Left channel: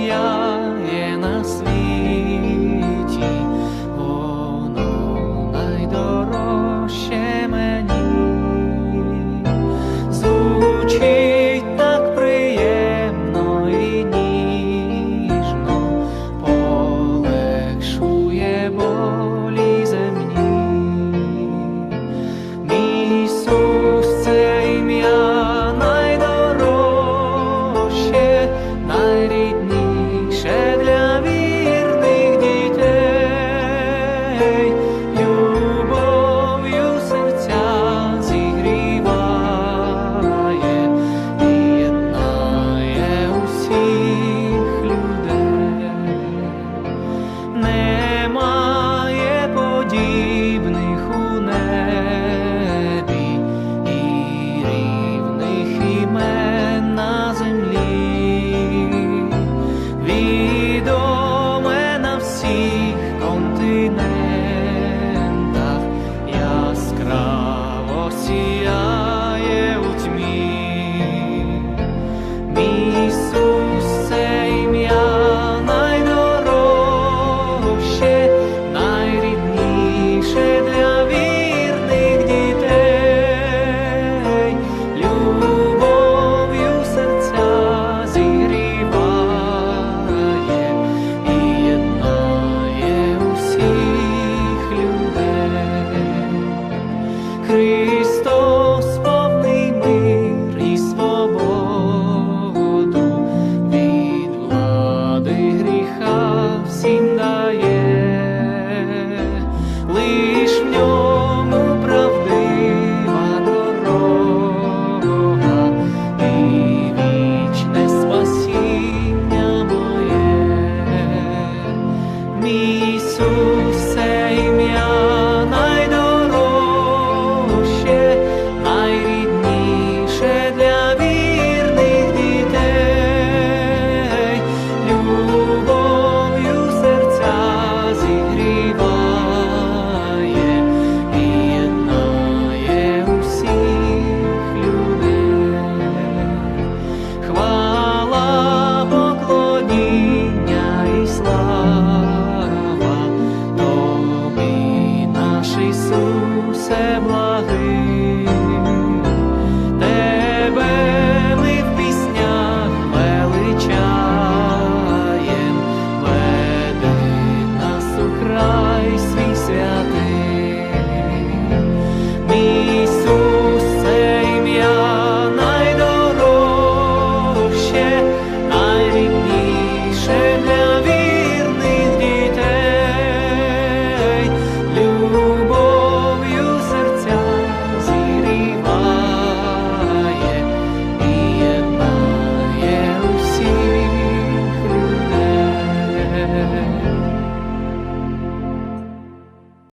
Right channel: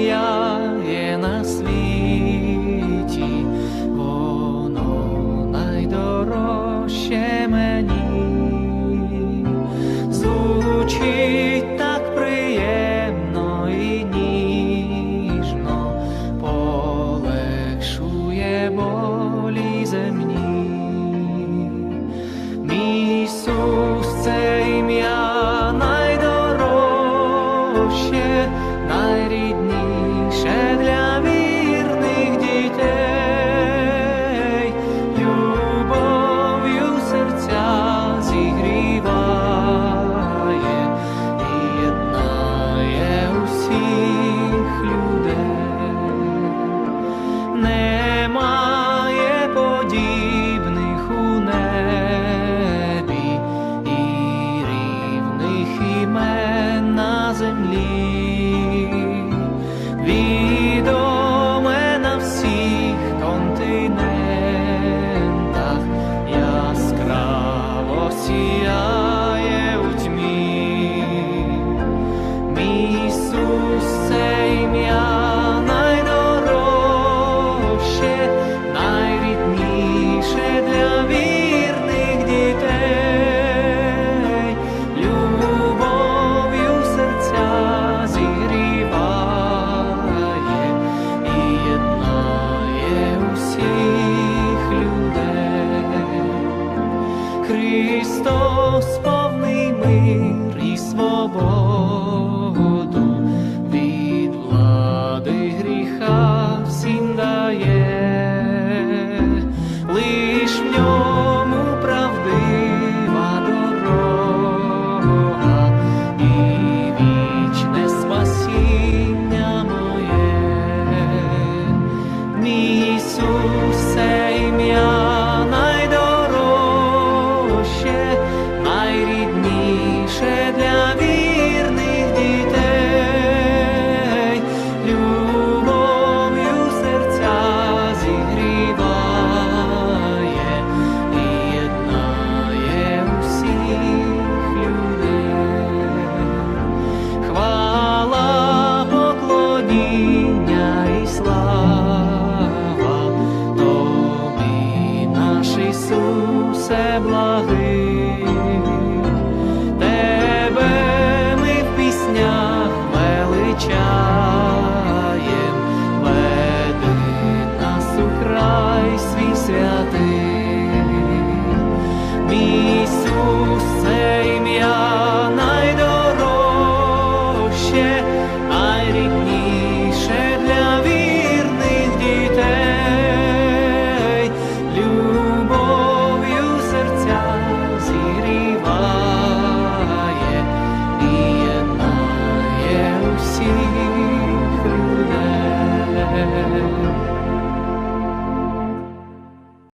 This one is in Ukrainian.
ім'я є на світі, воно найдорожче мені. Звучить так приємно і ніжно, полегшує болі земні. Мій Ісус, це ім'я Мій Ісус, гріха всім дає, лиш в ньому правдива дорога і вічне спасіння моє. Мій Ісус, ім'я найдорожче, найрідніше для поклоніння і слава Тобі, наш Ісусе благий, Тебе ми в піснях величаєм, веди нас у край свій святий. Ісус, для вірних дітей, любов'ю серця зігріває і єднає усіх людей.